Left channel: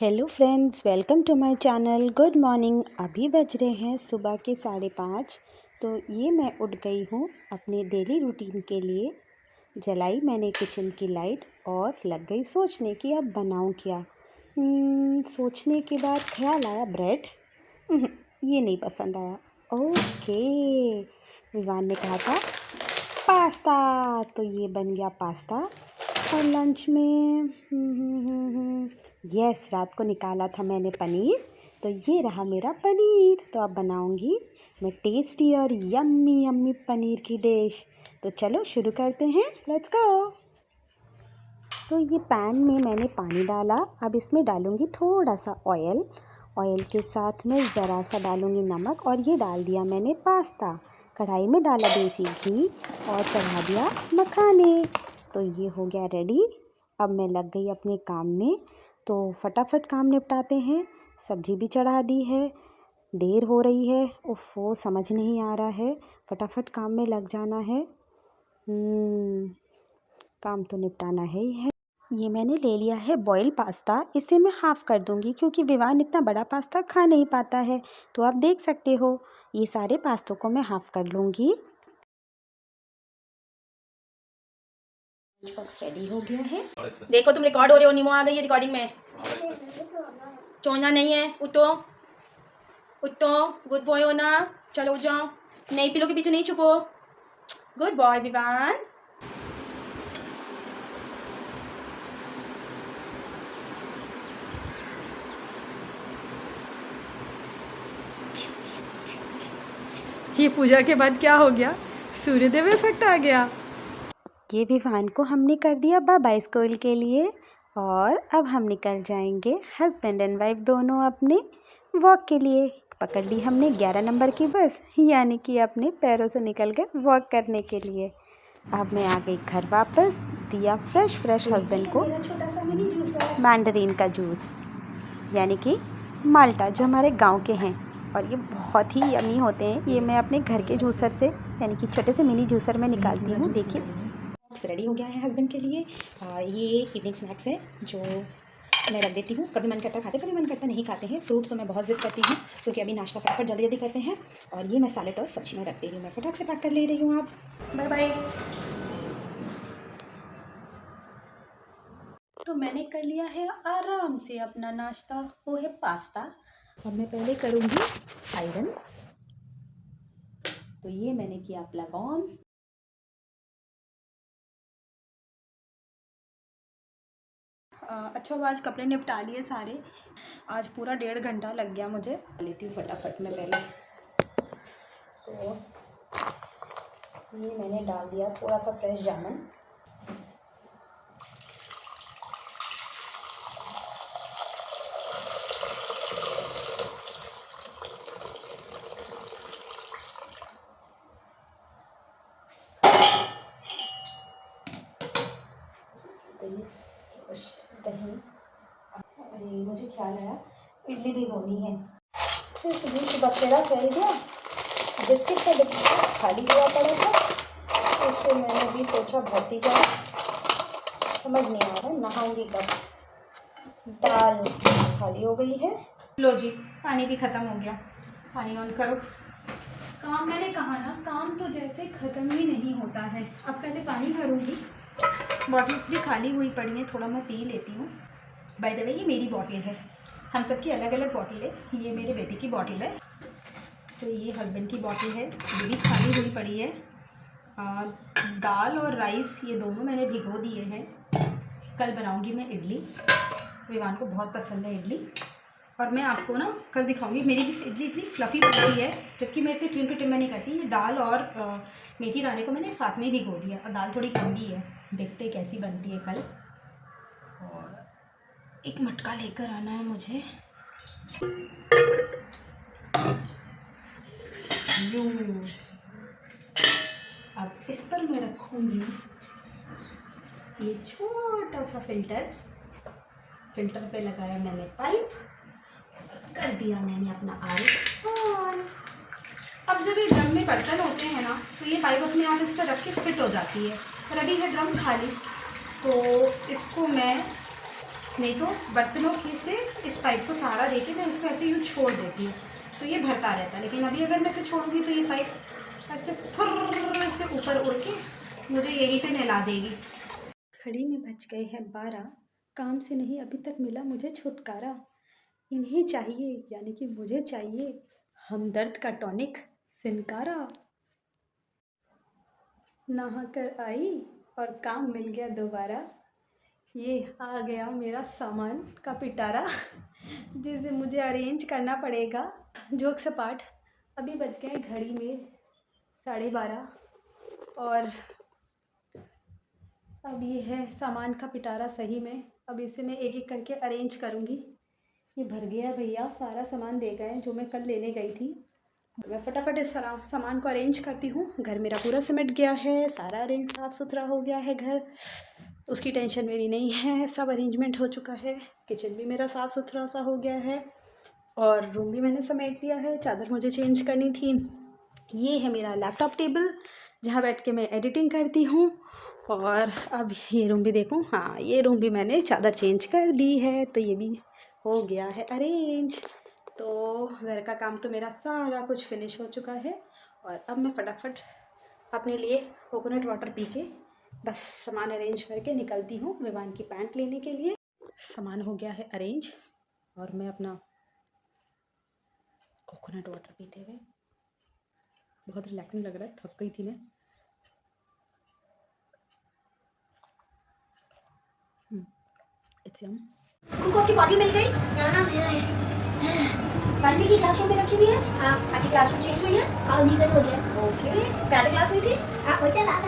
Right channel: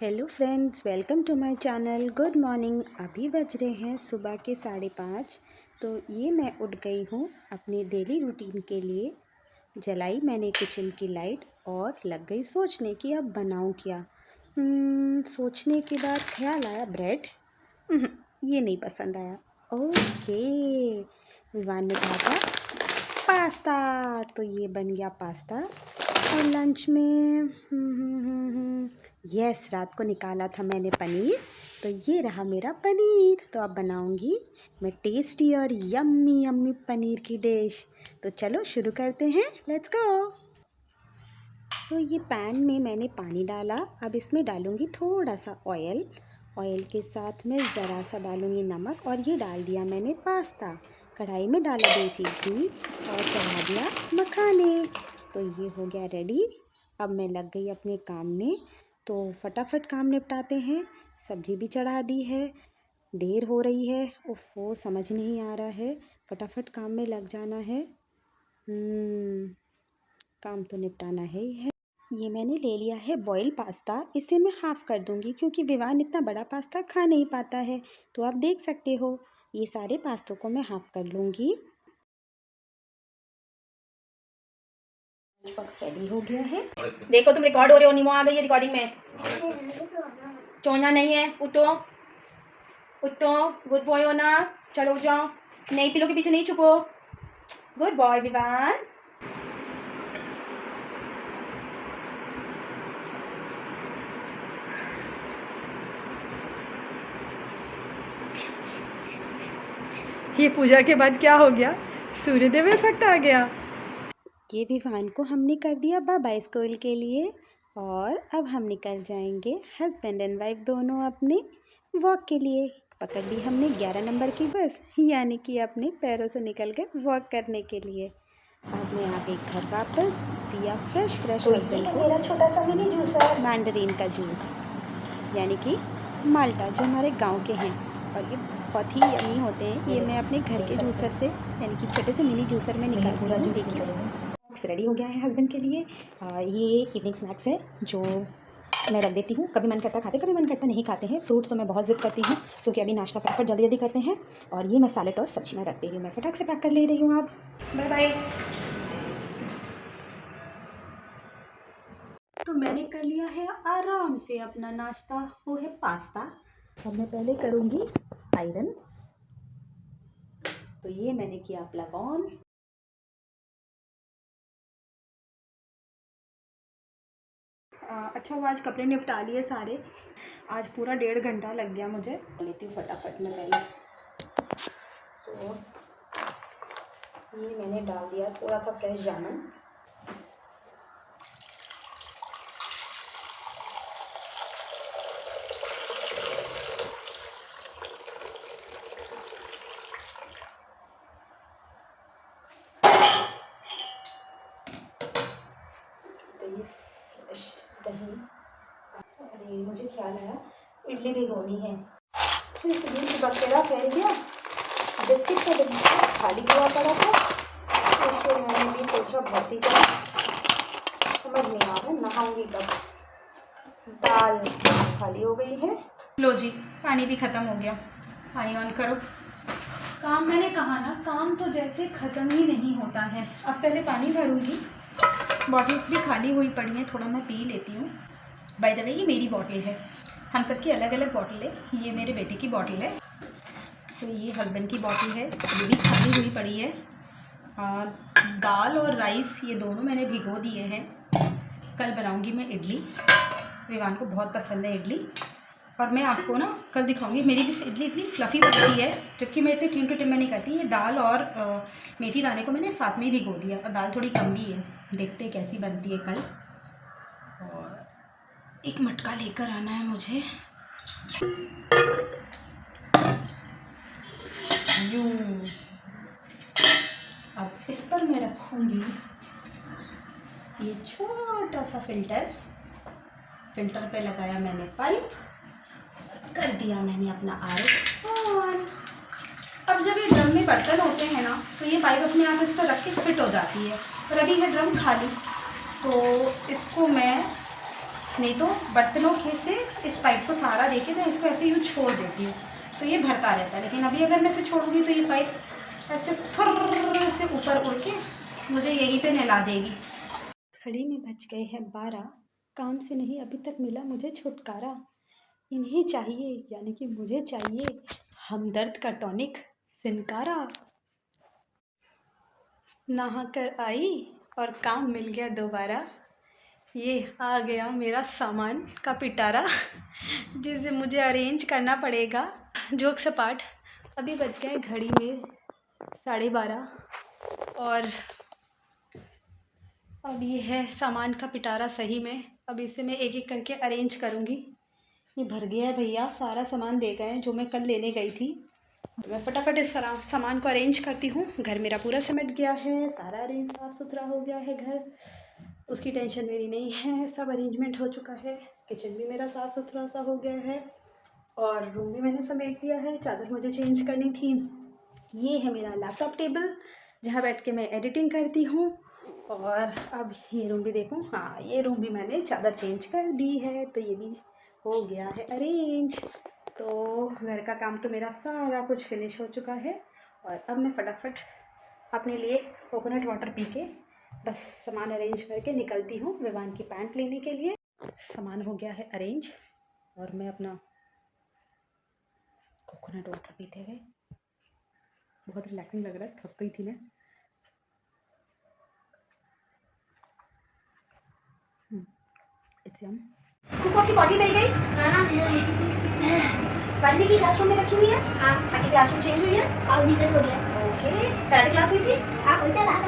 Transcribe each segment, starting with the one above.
Hello friends, welcome to my channel. Good morning. अभी बज रहे हैं सुबह के 5:30। तो ये मैं उठ गई हूँ अपने डेली रूटीन के लिए। जलाई मैंने किचन की लाइट और लग गई सोचने कि अब बनाऊँ क्या। सोचने के बाद ख्याल आया ब्रेड। ये नहीं पसंद आया। ओके, विवान ने कहा था पास्ता, तो ये बन गया पास्ता। और लंच में यस, रात को निकाला था मैंने पनीर, तो ये रहा मेरा पनीर। तो अब बनाऊंगी मैं टेस्टी और यम्मी यम्मी पनीर की डिश। तो चलो शुरू करते हैं, लेट्स गो। तो ये पैन में मैंने पानी डाला। अब इसमें डालूंगी थोड़ा सा ऑयल। ऑयल के साथ में ज़रा सा डालूंगी नमक, और ये डाल दिया मैंने पास्ता। कढ़ाई में डाला देसी घी और चढ़ा दिया मखाने। तो ये हो गया रेडी। अब मैं लग गई अपने काम में, तो फटाफट काम निपटाते हैं। सब्जी भी चढ़ा दी है, देर हो रही है। उफ़ो, समझ नहीं आ रहा है, फटाफट काम में लग जाना है। काम तो निपटाना है ही है। ये मैंने ले लिया है बॉयल पास्ता। इसे मैं हाफ़ कर दूंगी क्योंकि विवान इतना बड़ा पास्ता खा नहीं पाता है। तो आप देख सकते हो, ये सारे पास्तों को मैं हाफ़ कर लूँगी। लंच बॉक्स रेडी हो गया है। देखो तुम रिकॉर्ड हो रहे हो। नीमो आ गई है रिकॉर्डिंग में। चोना नहीं है। उठो उठो, गुड बॉय हो ना। चलो उठ जाओ, नहीं पिलो के पीछे नहीं छुपो। Good boy Vivaan. ये पूजा के बाद क्या हो गया, सूर्यदेव इफेक्ट आ गया। ये विवान को हमने कर दिया बाय बाय स्कूल के लिए, और अब हम निकल जाएंगे हस्बैंड एंड वाइफ दोनों अपने वॉक के लिए। पकड़ ली हमने 11 नंबर की बस, यानी कि अपने पैरों से निकल के वॉक करने के लिए। अब मैं आ गई घर वापस। दिया फ्रेश हस्बैंड को मेरा छोटा सा मिनी जूसर, मैंडरीन का जूस, यानी कि माल्टा, जो हमारे गांव के हैं, और ये बहुत ही यमी होते हैं। ये मैं अपने घर के जूसर से, यानी कि छोटे से मिनी जूसर में निकालती हूँ। देखिए, बॉक्स रेडी हो गया है हस्बैंड के लिए। ये इवनिंग स्नैक्स है जो मैं रख देती हूँ। कभी मन करता खाते, कभी मन करता नहीं खाते हैं। फ्रूट तो मैं बहुत ज़िद करती हूँ क्योंकि अभी नाश्ता फटाफट जल्दी जल्दी करते हैं। और ये मैं सैलेड और सब्जी में रख दे रही हूँ। मैं फटाक से पैक कर ले रही हूँ। आप बाय बाय। तो मैंने कर लिया है आराम से अपना नाश्ता, वो है पास्ता। अब मैं पहले करूँगी आयरन। तो ये मैंने किया प्लग ऑन। अच्छा हुआ आज कपड़े निपटा लिए सारे। आज पूरा 1.5 घंटा लग गया मुझे। लेती हूँ फटाफट में पहले। तो ये मैंने डाल दिया थोड़ा सा फ्रेश जामुन। तो ये फ्रेश दही। अरे मुझे ख्याल आया, इडली भिगोनी है। फिर से बकेरा फैल गया। बिस्किट का डिब्बा खाली हुआ पड़ा था, तो इससे मैंने भी सोचा भरती जाए। समझ नहीं आ रहा नहाऊंगी कब। दाल खाली हो गई है। लो जी, पानी भी ख़त्म हो गया। पानी ऑन करो। काम, मैंने कहा ना, काम तो जैसे ख़त्म ही नहीं होता है। अब पहले पानी भरूंगी। बॉटल्स भी खाली हुई पड़ी हैं, थोड़ा मैं पी लेती हूँ। बाय द वे, ये मेरी बॉटल है, हम सबकी अलग अलग बॉटल है। ये मेरे बेटे की बॉटल है, तो ये हस्बैंड की बॉटल है, ये भी खाली हुई पड़ी है। दाल और राइस ये दोनों मैंने भिगो दिए हैं। कल बनाऊंगी मैं इडली, विवान को बहुत पसंद है इडली। और मैं आपको ना कल दिखाऊंगी, मेरी भी इडली इतनी फ्लफ़ी बनती है, जबकि मैं इतने टिम टू टिम में नहीं करती। ये दाल और मेथी दाने को मैंने साथ में ही भिगो दिया, और दाल थोड़ी कम भी है। देखते हैं कैसी बनती है कल। और एक मटका लेकर आना है मुझे। यूं, अब इस पर मैं रखूँगी ये छोटा सा फिल्टर पे लगाया मैंने पाइप, और कर दिया मैंने अपना आर ऑन। अब जब ये ड्रम में बर्तन होते हैं ना, तो ये पाइप अपने आप इस पर रख के फिट हो जाती है। और अभी है ड्रम खाली, तो इसको मैं नहीं तो बर्तनों के से इस पाइप को सहारा देके मैं इसको ऐसे यूँ छोड़ देती हूँ तो ये भरता रहता है। लेकिन अभी अगर मैं इसे छोड़ूंगी तो ये पाइप ऐसे फर्र से ऊपर उड़ के मुझे यहीं पे नहला देगी। घड़ी में बज गए हैं 12। काम से नहीं अभी तक मिला मुझे छुटकारा। इन्हें चाहिए यानी कि मुझे चाहिए हमदर्द का टॉनिक सिनकारा। नहा कर आई और काम मिल गया दोबारा। ये आ गया मेरा सामान का पिटारा जिसे मुझे अरेंज करना पड़ेगा। जोक सपाट, अभी बज गए घड़ी में 12:30 और अब ये है सामान का पिटारा सही में। अब इसे मैं एक एक करके अरेंज करूँगी। ये भर गया है भैया, सारा सामान दे गए जो मैं कल लेने गई थी। तो मैं फटाफट इस सामान को अरेंज करती हूँ। घर मेरा पूरा सिमट गया है, सारा अरेंज साफ़ सुथरा हो गया है घर, उसकी टेंशन मेरी नहीं है, सब अरेंजमेंट हो चुका है। किचन भी मेरा साफ़ सुथरा सा हो गया है और रूम भी मैंने समेट दिया है। चादर मुझे चेंज करनी थी। ये है मेरा लैपटॉप टेबल जहाँ बैठ के मैं एडिटिंग करती हूँ। और अब ये रूम भी देखूँ, हाँ ये रूम भी मैंने चादर चेंज कर दी है तो ये भी हो गया है अरेंज। तो घर का काम तो मेरा सारा कुछ फिनिश हो चुका है और अब मैं फटाफट अपने लिए कोकोनट वाटर पी के बस सामान अरेंज करके निकलती हूँ विवान की पैंट लेने के लिए। सामान हो गया है अरेंज और मैं अपना कोकोनट वाटर पीते हुए बहुत रिलैक्सिंग लग रहा है, थक गई थी मैं। It's yum. कुक आपकी बॉटल मिल गई? पार्टी की क्लासरूम में रखी हुई है? हाँ। आपकी क्लासरूम चेंज हुई है? हाँ, लीगल हो गया। ओके, कराटे क्लास हुई थी? हाँ, उल्टे बात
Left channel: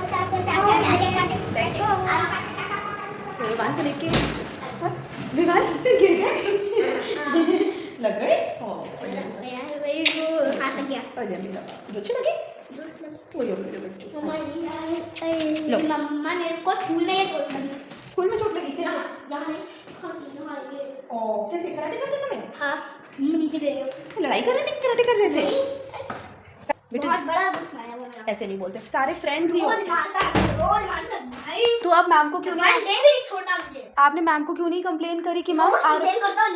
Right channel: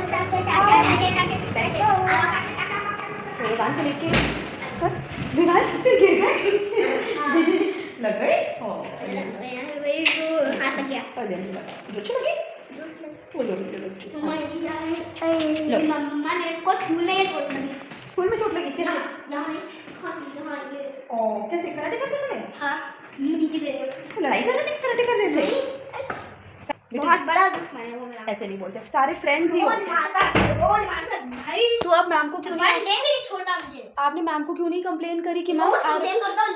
तो विवान को लेके विवान फिर गिर गए लग गए। हाथ लग गया। अरे मेरा रुचि लगी? वो लो मेरे बच्चों। मम्मा मेरे को स्कूल में ये चोट लगी। स्कूल में चोट लगी कैसे? यहाँ ओ कैसे, कराटे करते समय? हाँ, नीचे गिरे। लड़ाई कर रहे थे कि कराटे कर रहे थे? बहुत बड़ा दुश्मन है वो मेरा। ऐसे नहीं बोलते, सारे फ्रेंड्स ही होते हैं। रोज मारता भाई। तो अब मैम को क्यों नहीं, नहीं मेरी छोटा मुझे। आपने मैम को क्यों नहीं कंप्लेन करी कि मैम कंप्लेन करता हूँ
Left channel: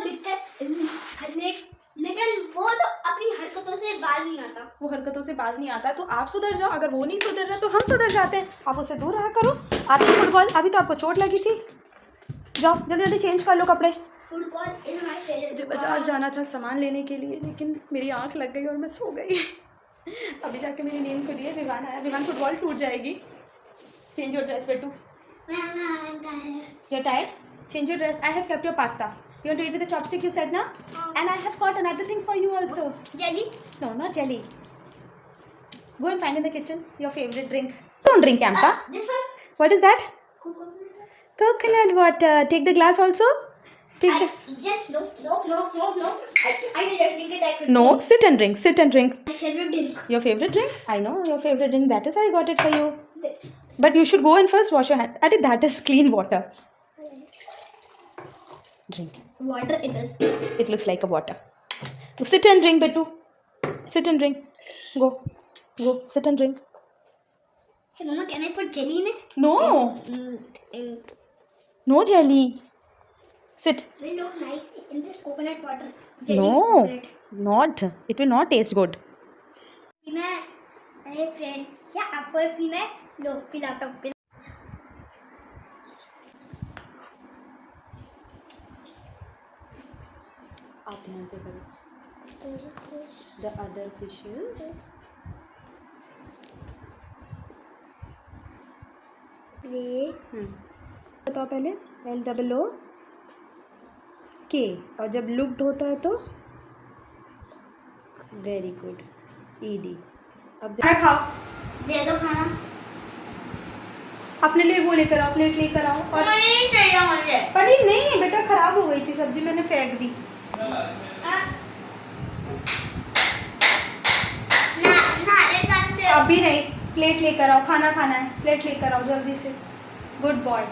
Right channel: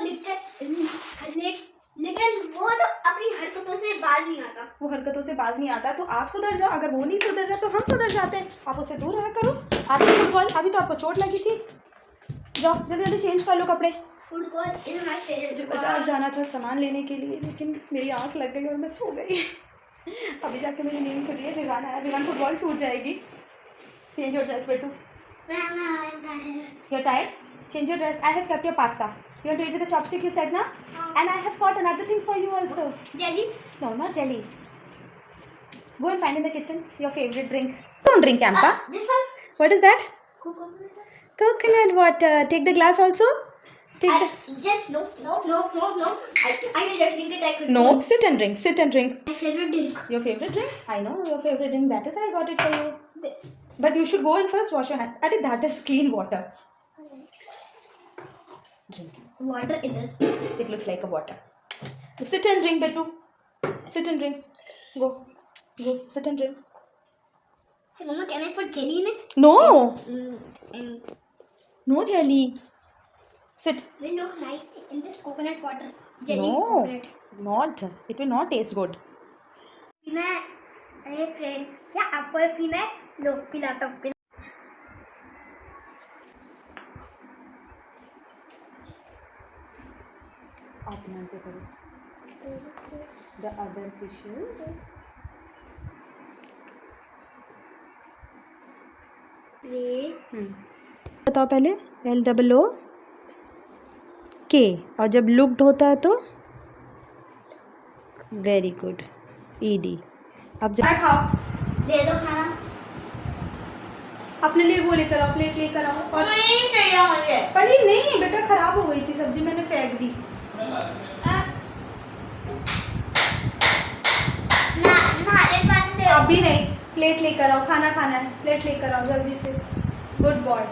लेकिन वो तो अपनी हरकतों से बाज नहीं आता। वो हरकतों से बाज नहीं आता तो आप सुधर जाओ। अगर वो नहीं सुधर रहा तो हम सुधर जाते हैं। आप उससे दूर रहा करो। आपकी फुटबॉल, अभी तो आपको चोट लगी थी। जाओ जल्दी जल्दी चेंज कर लो कपड़े। Football is my favourite. मुझे बाजार जाना था सामान लेने के लिए लेकिन मेरी आंख लग गई और मैं सो गई। अभी जाके मेरी नींद खुली है। विवान आया, विवान फुटबॉल टूट जाएगी। चेंज योर ड्रेस बेटू। You're tired? Change your dress. I have kept your pasta. You want to eat with the chopstick you said na? And I have got another thing for you also. Jelly? No, not jelly. Go and find in the kitchen your favorite drink. Don't drink, Ampa. This one? What is that? Coconut. Coconut water. Take the glass also. Take the... Just no. I will just drink it. I could. No, sit and drink. Sit and drink. My favorite drink. Your favorite drink? I know your favorite drink. That is why I got it for you. But you should go and first wash your hand. Arey, that is clean water. Drink. Water it is. It looks like a water. Sit and drink, Betu. Sit and drink. Go. Sit and drink. Hey, Mama, can I put jelly in it? No. In No jelly. Sit. will look nice in this coconut water. Jelly. No. Coconut. Not. It will not taste good. पीना है? अरे friends, क्या आपको ये पीना है? लो पिलाता हूँ। आप ध्यान से करो. The other fishes. बताओ पहले LOOK और जब लुक्ड होता है तो वेरी गुड ED. अब जब खाओ दे दो खाना। अपने लिए वो लेकर आओ, प्लेट लेकर आओ. और नहीं चाहिए मुझे। पनीर नहीं बेटा, खराब हो गई थी सब्जी, मैंने फेंक दी. अभी नहीं, प्लेट लेकर आओ, खाना खाना है, प्लेट लेकर आओ जल्दी से. Good boy.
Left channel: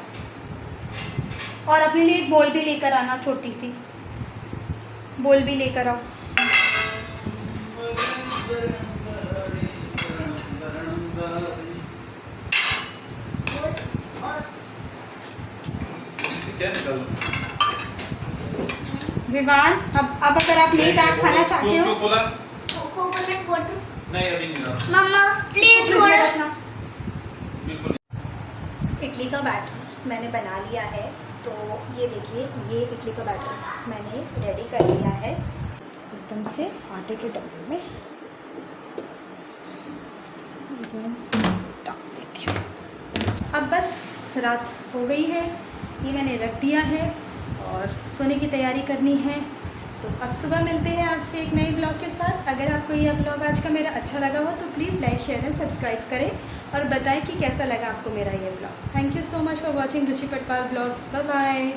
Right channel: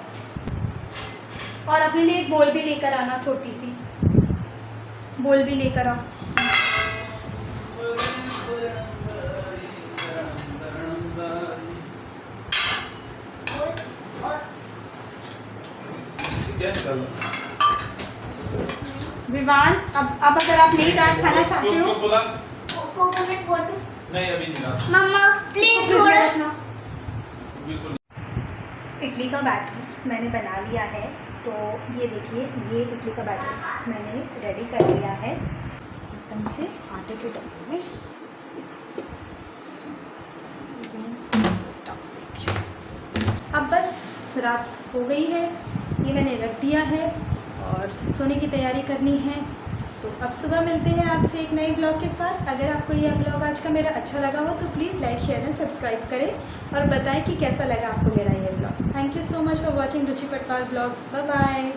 और अपने लिए एक बोल भी लेकर आना, छोटी सी बोल भी लेकर आओ. विवान, अब अगर आप नहीं दाल खाना चाहते हो क्यों बोला? Coconut water. नहीं अभी नहीं डाला। मम्मा प्लीज फ्रिज में वाटर। रखना। बिल्कुल। इडली का बैटर मैंने बना लिया है, तो ये देखिए, ये इडली का बैटर मैंने रेडी कर लिया है एकदम से आटे के डब्बे में डाल देती हूँ। अब बस रात हो गई है, ये मैंने रख दिया है और सोने की तैयारी करनी है। तो अब सुबह मिलते हैं आपसे एक नए ब्लॉग के साथ। अगर आपको यह ब्लॉग आज का मेरा अच्छा लगा हो तो please like share and subscribe करें और बताएं कि कैसा लगा आपको मेरा ये blog. Thank you so much for watching Ruchi Patwar blogs. Bye bye.